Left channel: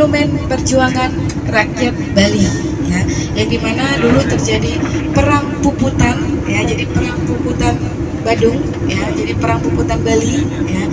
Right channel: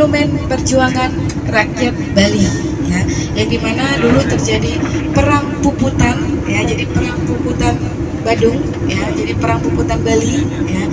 monumen perjuangan rakyat Bali, ya, yang dimana dulu terjadi perang puputan, ya, jadi perang puputan Badung, ya, jadi perang puputan Bali, ya.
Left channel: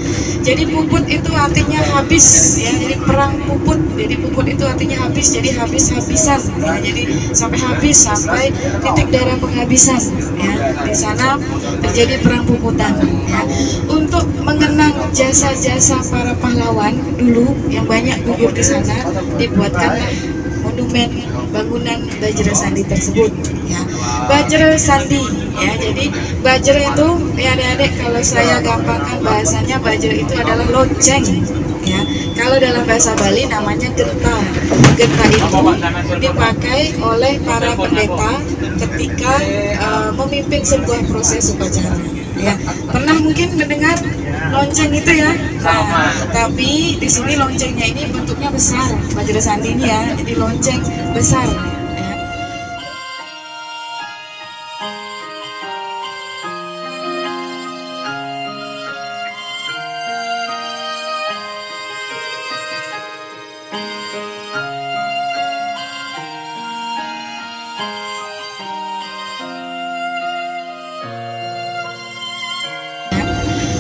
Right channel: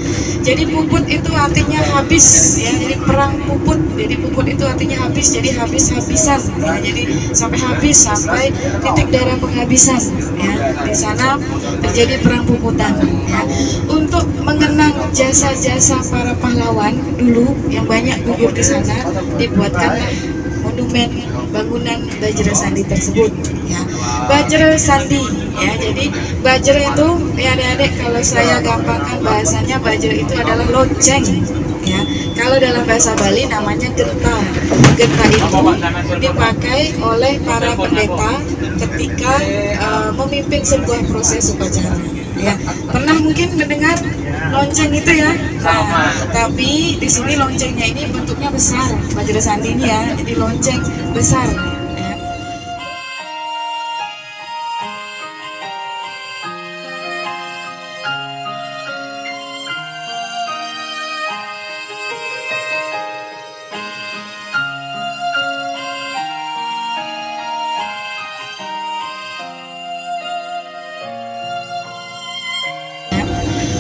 Jadi puput itu artinya habis, ya, jadi perang puput, jadi puput itu artinya habis, jadi habis-habisan, ya, jadi sampai habis, sampai titik darah penghabisan, ya. Di sana terjadi perang puputan, ya. Untuk mengenang jasa-jasa para pahlawan dulu yang banyak gugur di sana, dibuatkanlah monumen bangunan Bajra Sandi tersebut, ya. Bajra Sandi, ya, jadi Bajra itu, ya adik-adik, kalau saya gampangkan bahasanya, Bajra itu adalah lonceng, ya. Kalau dalam bahasa Bali namanya genta. Genta itu dipakai oleh para pendeta ketika memimpin sebuah proses upacara, ya. Pernah mungkin mendengar lonceng itu, ya. Nah, tapi di sini loncengnya ini bentuknya besar, Bajra Sandi ini, ya, jadi lonceng besar.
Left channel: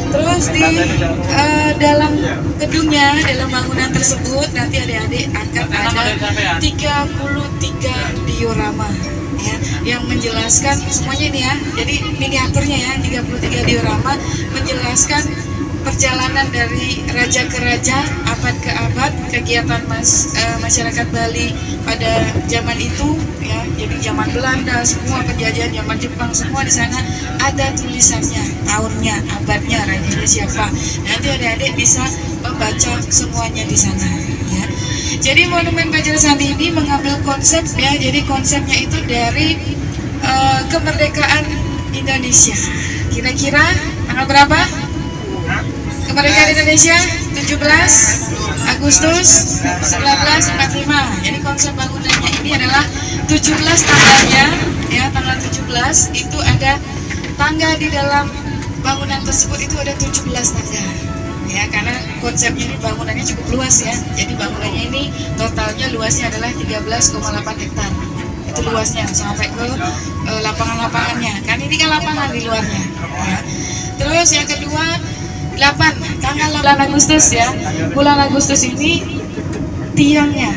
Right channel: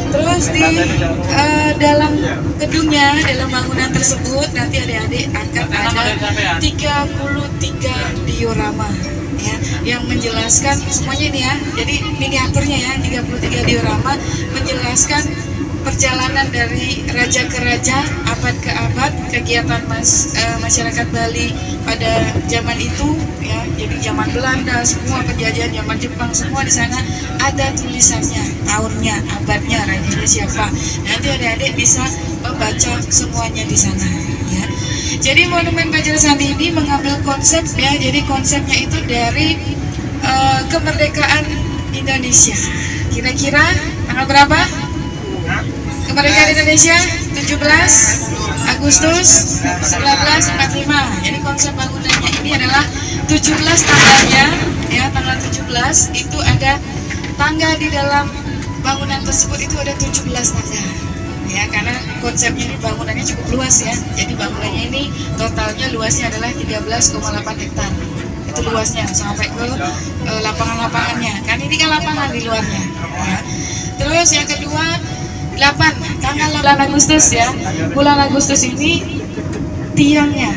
Terus di dalam gedungnya, dalam bangunan tersebut nanti adik-adik akan ada 33 diorama, ya, yang menjelaskan semuanya ini, ya. Jadi miniaturnya, ya, 33 diorama menjelaskan perjalanan dari raja ke raja, abad ke abad, kegiatan masyarakat Bali pada zaman itu, ya. Jadi zaman Belanda, semua penjajahan, zaman Jepang, semua di sana ada tulisannya, tahunnya, abadnya, rajanya siapa. Nanti adik-adik bisa membaca semuanya di sana, ya. Jadi monumen Bajra Sandi ini mengambil konsep, ya. Jadi konsepnya itu dari kemerdekaan Indonesia. Kira-kira tanggal berapa? Kemerdekaan Indonesia 17 Agustus 1945. Jadi konsep bangunannya ini adalah 17 tangganya, ya, tanggal 17 itu ada tangga di dalam bangunan tersebut, itu ada 17 tangga, ya, karena konsepnya ini bangunannya cukup luas, ya. Jadi bangunannya ini totalnya luasnya adalah 13,8 hektar. Itu luasnya sampai ke lapangan-lapangannya. Kan ini kan lapangan di luarnya, ya. Terus yang kedua, 8 tanggal 8 Agustus, ya. Bulan Agustus ini tiangnya.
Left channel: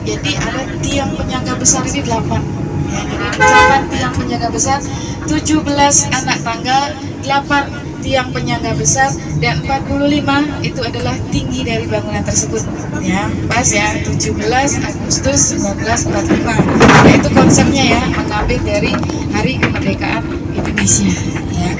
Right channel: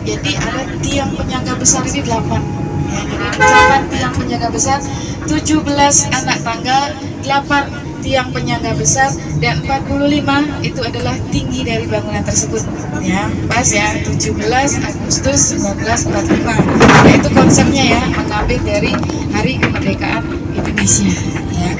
Jadi ada tiang penyangga besar ini 8. Ya, jadi 8 tiang penyangga besar, 17 anak tangga, 8 tiang penyangga besar, dan 45 itu adalah tinggi dari bangunan tersebut, ya. Pas, ya, 17 Agustus 1945. Nah, itu konsepnya, ya, mengambil dari Hari Kemerdekaan Indonesia, ya.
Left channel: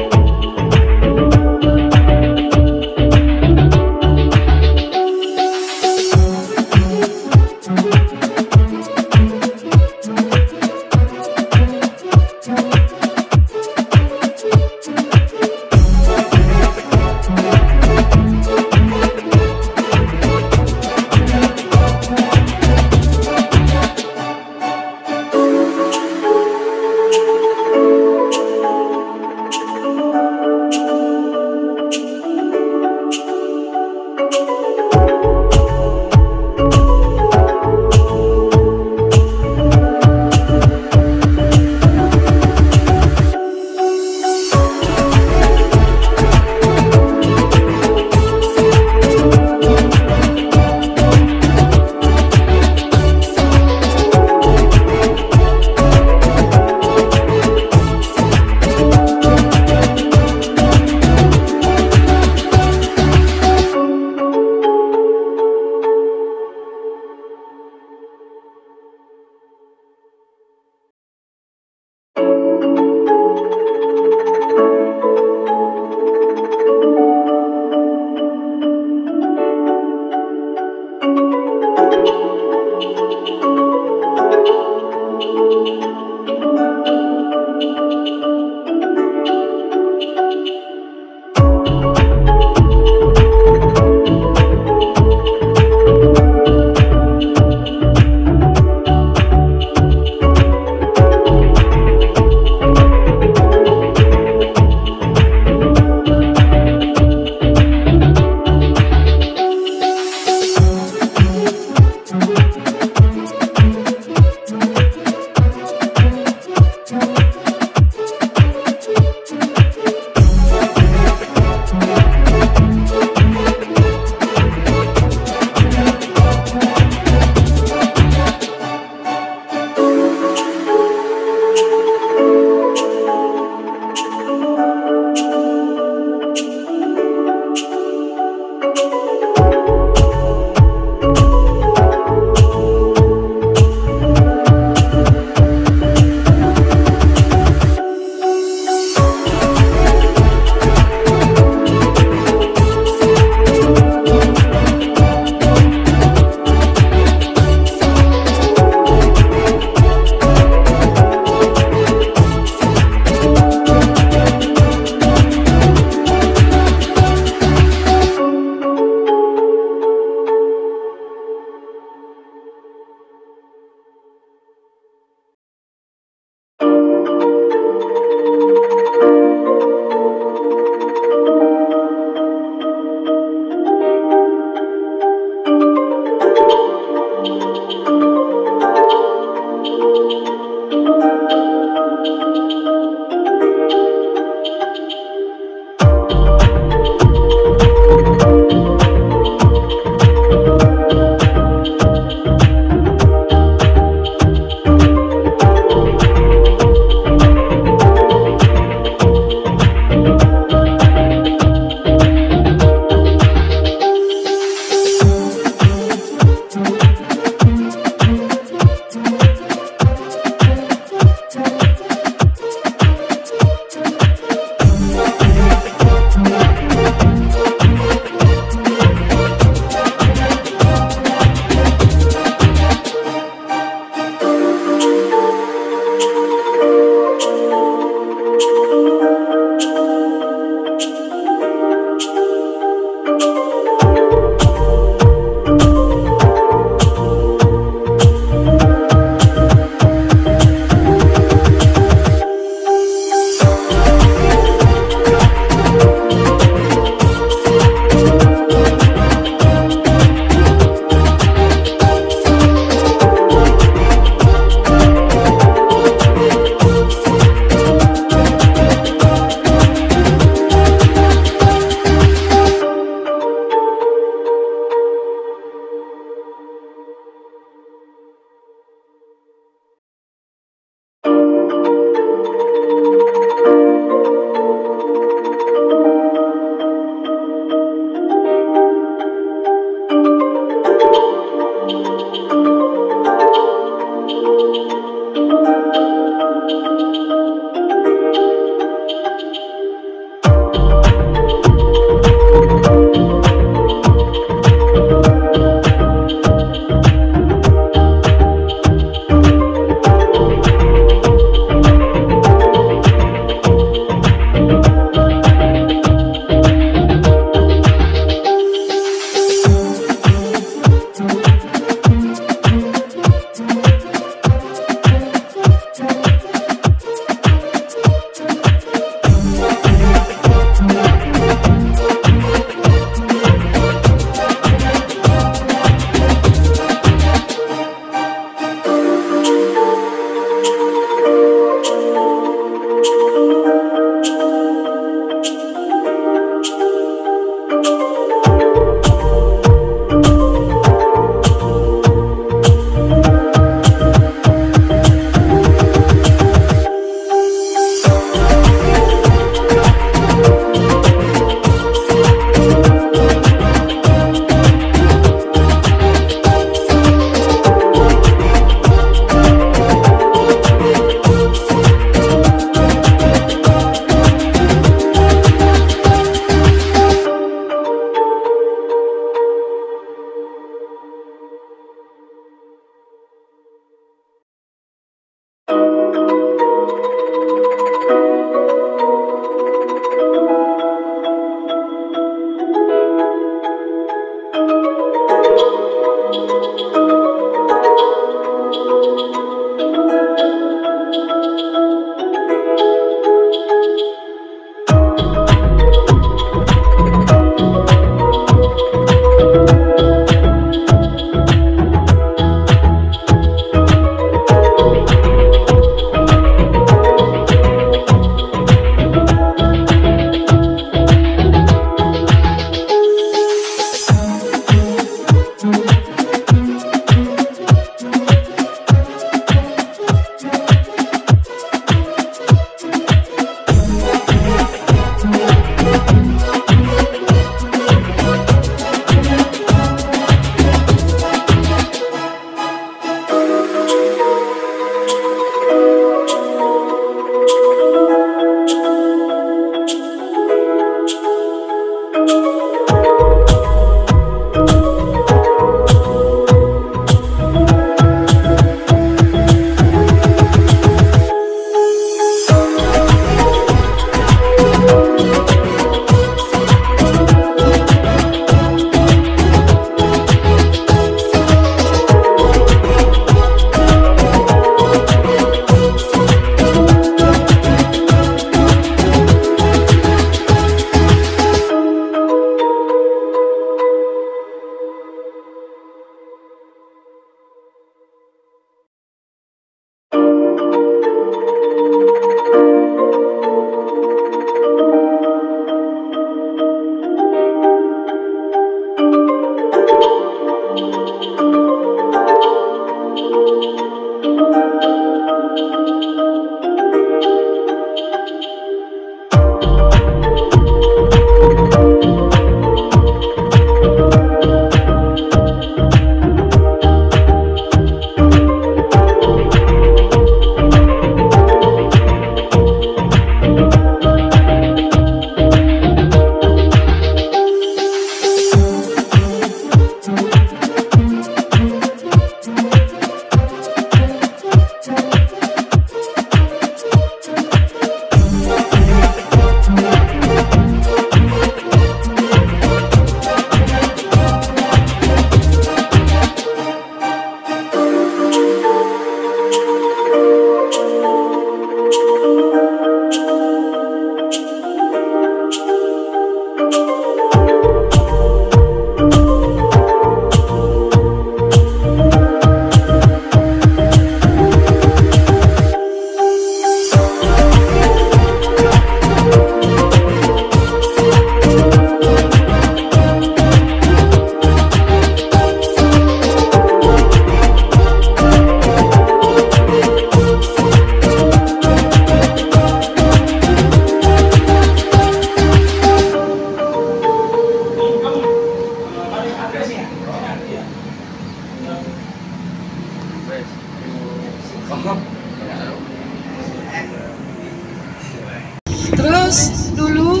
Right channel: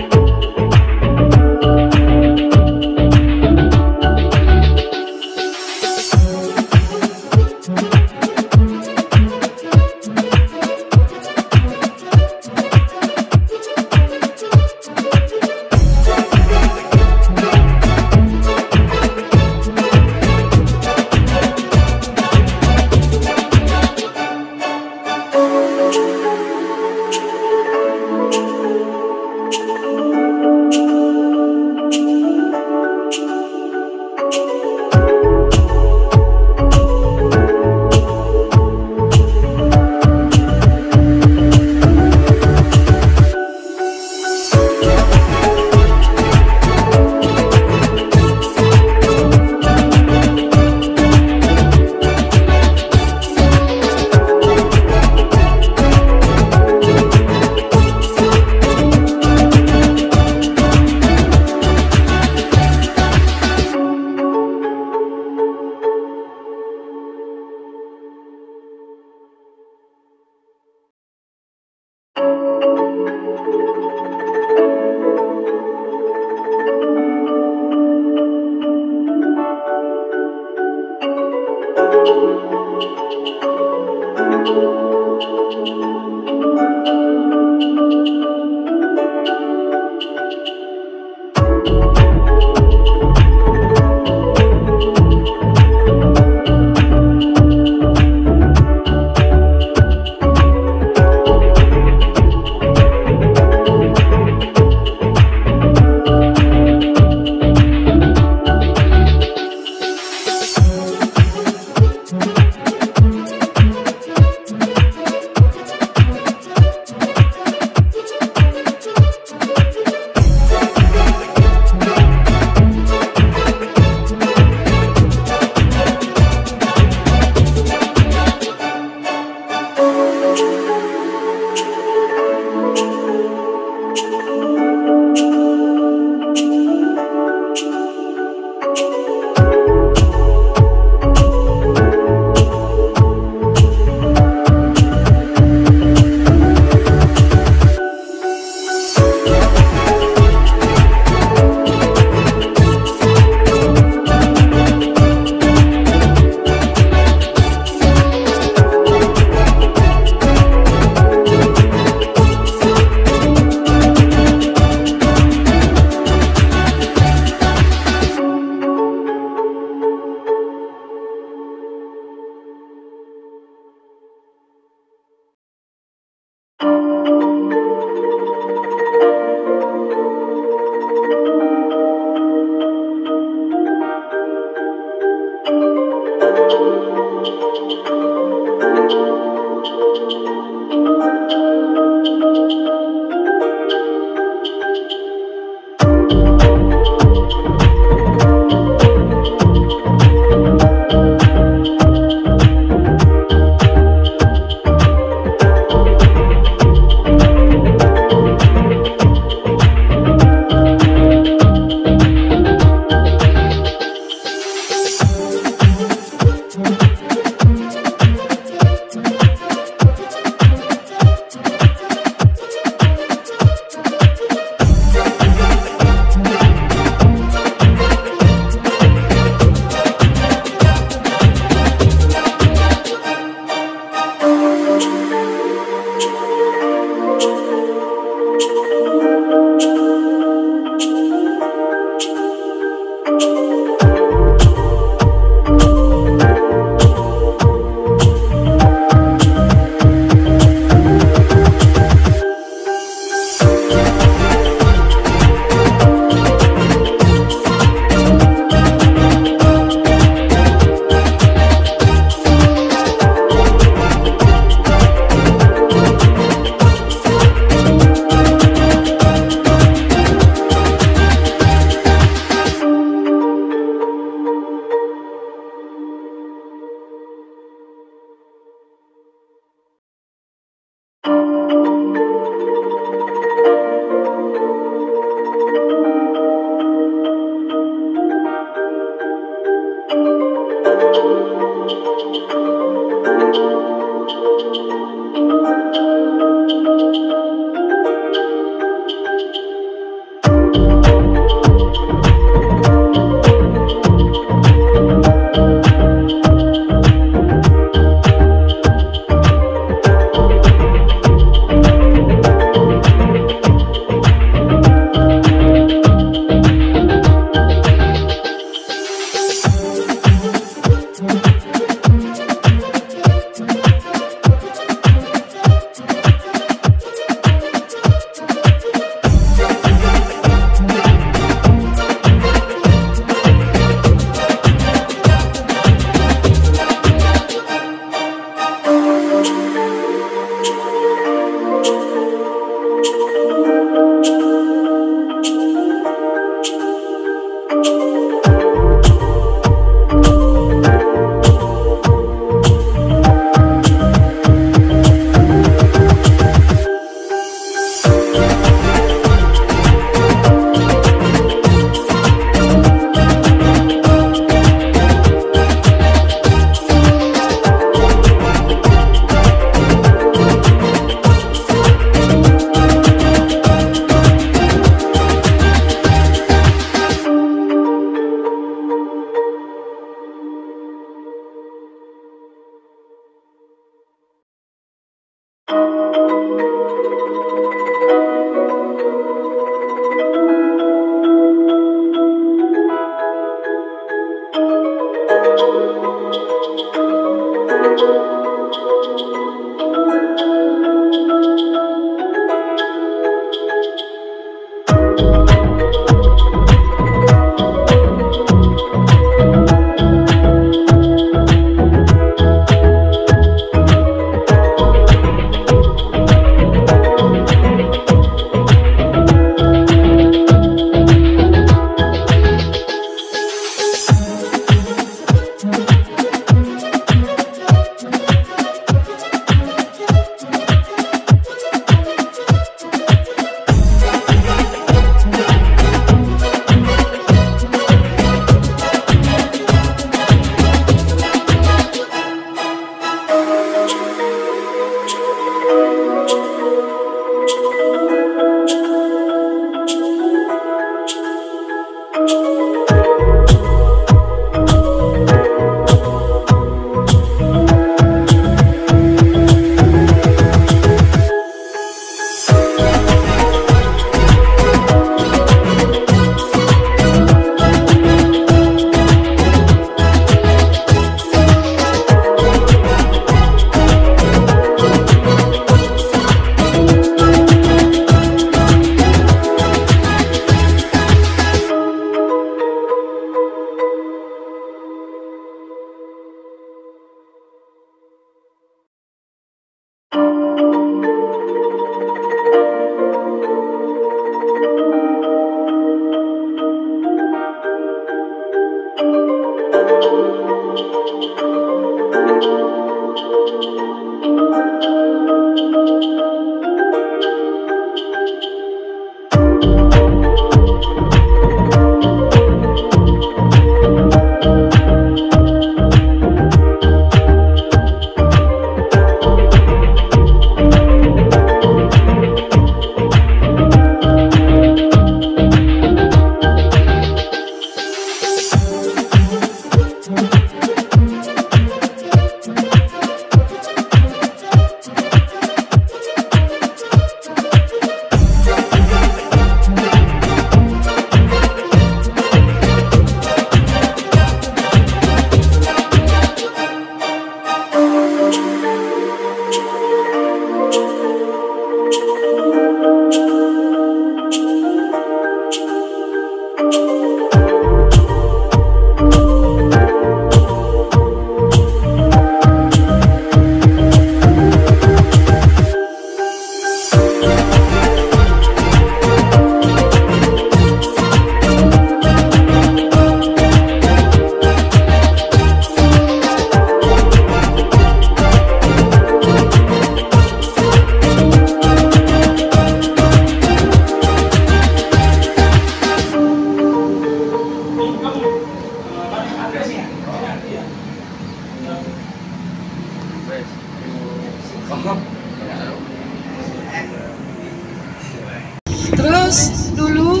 Terus dulu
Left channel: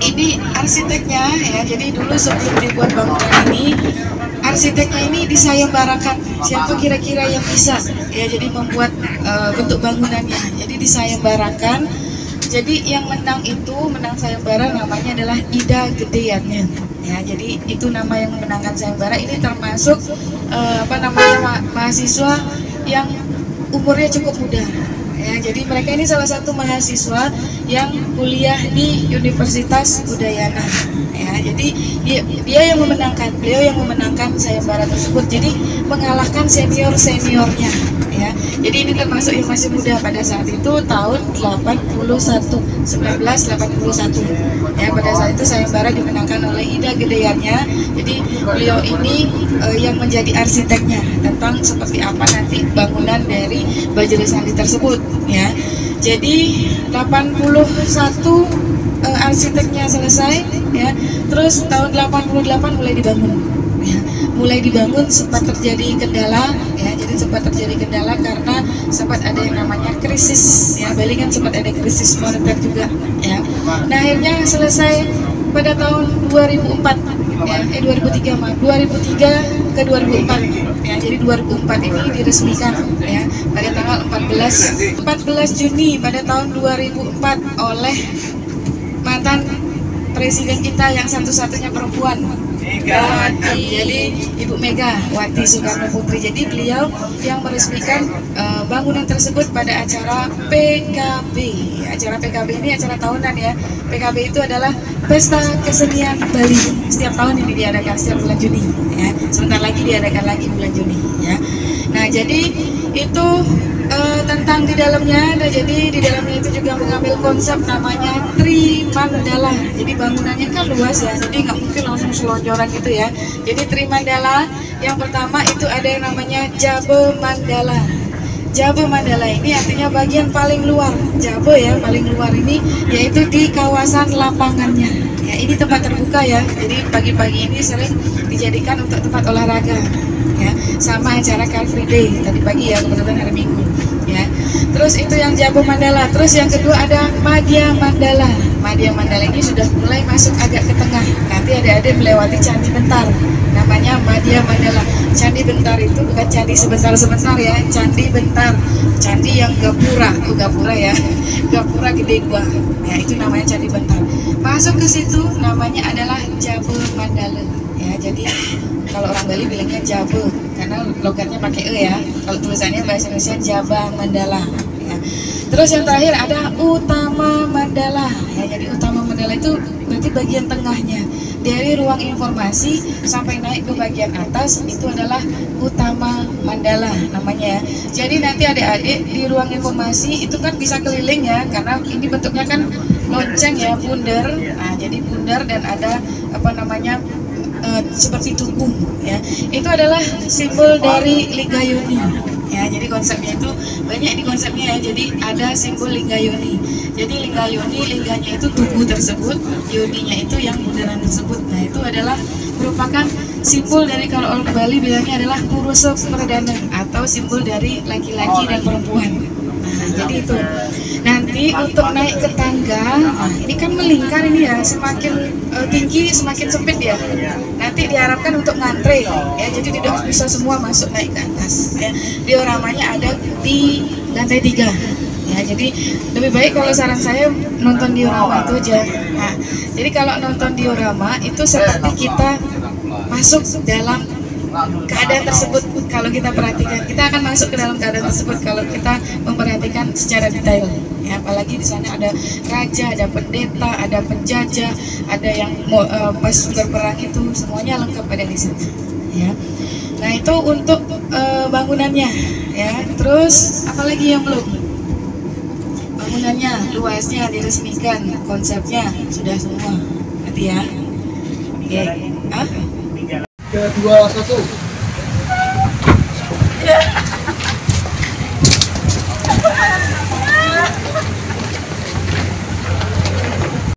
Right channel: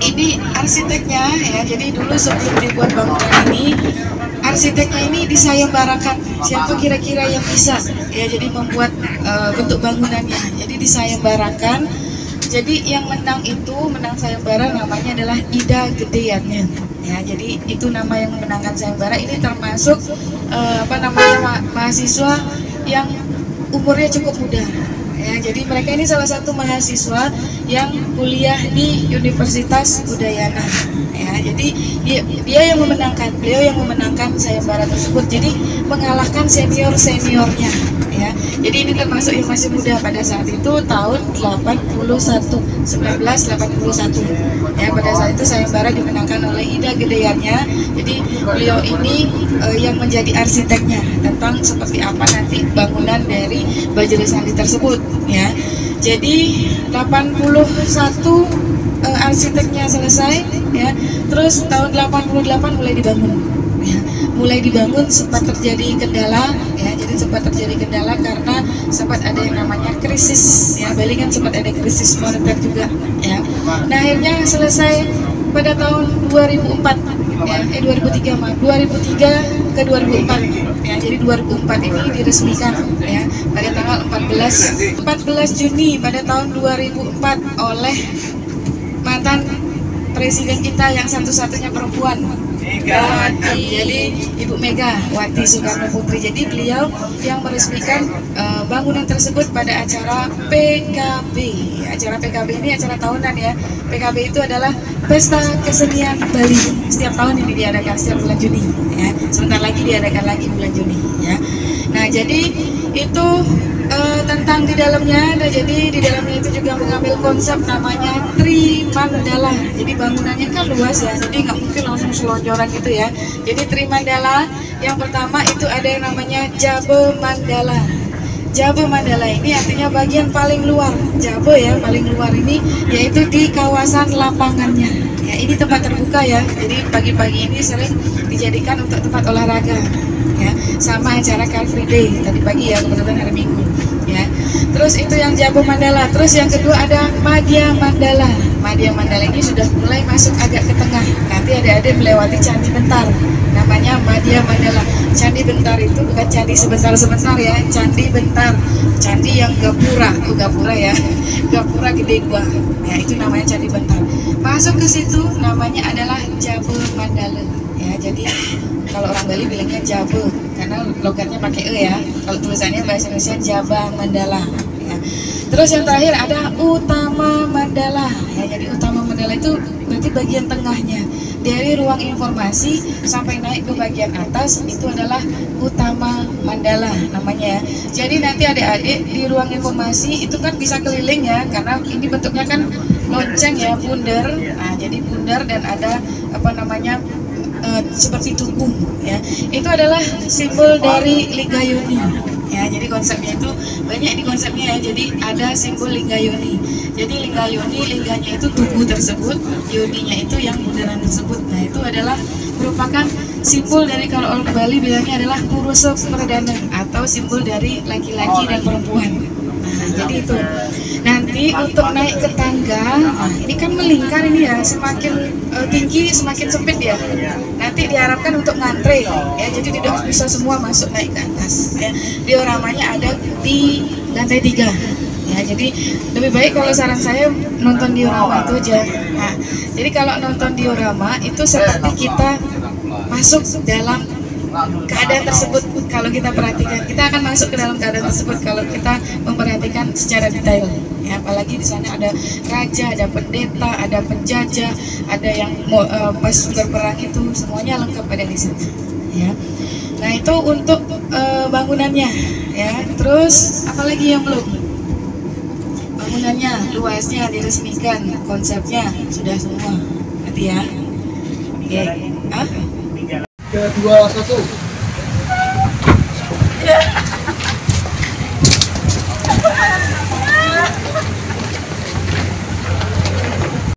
ini arsiteknya ya, jadi dulu sebelum dibuat bangunan ini, arsiteknya ini disayembarakan. Siapa kira-kira yang bisa ya jadi membuat bentuk bangunannya. Jadi disayembarakan. Jadi yang menang sayembara namanya adalah Ida Gedeyannya. Ya, jadi itu nama yang memenangkan sayembara. Ini termasuk mahasiswa yang umurnya cukup muda. Ya, jadi mereka ini salah satu mahasiswa yang kuliah di Universitas Udayana. Ya, jadi beliau yang memenangkan sayembara tersebut. Jadi mengalahkan seniornya. Ya, jadi ini termasuk yang masih muda pada saat itu tahun 1981. Ya, pada saat itu sayembara dimenangkan oleh Ida Gedeyannya. Jadi beliau ini yang menjadi arsiteknya tentang seperti apa nanti bangunan dari Bajra Sandi tersebut. Ya, jadi 81 arsiteknya selesai. Ya, terus tahun 88 mulai dibangun. Ya, mulai dibangun sempat terjadi kendala ya, jadi sempat terjadi kendala karena sempat ada yang namanya krisis ya, Bali kan sempat ada krisis moneter juga ya. Nah, akhirnya selesai pada tahun 2004 ya, 2003 ke 2004 ya. Jadi 2004 ini diresmikan ya pada tanggal 14 Juni pada tahun 2004 oleh mantan presiden kita yang satu-satunya perempuan, jadi Ibu Megawati Soekarno Putri. Jadi beliau yang meresmikan bangunan tersebut pada acara PKB. Acara PKB ini acara tahunan ya. PKB itu adalah Pesta Kesenian Bali. Setiap tahun ini diadakan setiap bulan Juni. Ya. Sebentar lagi diadakan lagi bulan Juni. Ya. Nah, jadi itu tentang di dalamnya. Nah, jadi di dalamnya itu juga mengambil konsep namanya Trimandala. Jadi bangunannya kan luas ya, jadi nggak mungkin langsung selonjoran gitu ya. Jadi Trimandala yang pertama itu ada yang namanya Jabe Mandala. Jabe Mandala ini artinya bagian paling luar. Jabe ya, paling luar ini yaitu di kawasan lapangannya. Ya, ini tempat terbuka ya. Jadi pagi-pagi ini sering dijadikan untuk tempat olahraga. Ya, sama acara Car Free Day tadi pagi ya, kebetulan hari Minggu ya. Terus itu yang Jabe Mandala. Terus yang kedua ada Madya Mandala. Madya Mandala ini sudah mulai masuk agak ke tengah. Nanti adik-adik melewati Candi Bentar. Namanya Madya Mandala. Candi Bentar itu bukan candi sebentar-sebentar ya, Candi Bentar. Candi yang gapura ya. Gapura gede gua. Ya, itu namanya Candi Bentar. Masuk ke situ namanya adalah Jabe Mandala. Ya, jadi kalau orang Bali bilangnya Jabe karena logatnya pakai e ya. Kalau tulisannya bahasa Indonesia Jaba Mandala ya. Terus yang terakhir ada Utama Mandala ya. Jadi Utama Mandala itu berarti bagian tengahnya. Dari ruang informasi sampai naik ke bagian atas itu adalah Utama Mandala namanya ya. Jadi nanti adik-adik di ruang informasi itu kan bisa keliling ya, karena ini bentuknya kan lonceng ya, bundar. Nah, jadi bundar dan ada seperti tugu ya. Itu adalah simbol dari Lingayoni ya. Jadi konsepnya itu banyak, ini konsepnya ya. Jadi ada simbol Lingayoni. Jadi Lingayoni, lingganya itu tugu tersebut, yoninya itu yang bundaran tersebut. Nah, itu adalah merupakan simbol dari, kalau orang Bali bilangnya adalah Purusa Perdana atau simbol dari laki-laki dan perempuan. Nah, jadi itu. Nanti untuk naik ke tangga, ini kan melingkar ini ya, semakin tinggi semakin sempit ya. Nanti diharapkan untuk ngantre ya, jadi tidak bisa semua masuk naik ke atas ya. Dioramanya ada di lantai 3 ya. Jadi lebih baik kalau saran saya nonton diorama itu aja. Nah, jadi kalau nonton diorama itu seperti kita masuk dalam keadaan tersebut. Kalau kita perhatikan, kita akan masuk ke dalam keadaan tersebut kalau kita memperhatikan secara detail ya. Apalagi di sana ada raja, ada pendeta, ada penjajah, ada yang pas berperang, itu semuanya lengkap ada di sana ya. Nah, itu untuk bangunannya ya. Terus apalagi yang belum? Bangunannya, luasnya diresmikan, konsepnya sudah semua nanti ya. Oke. 3, 2, 1.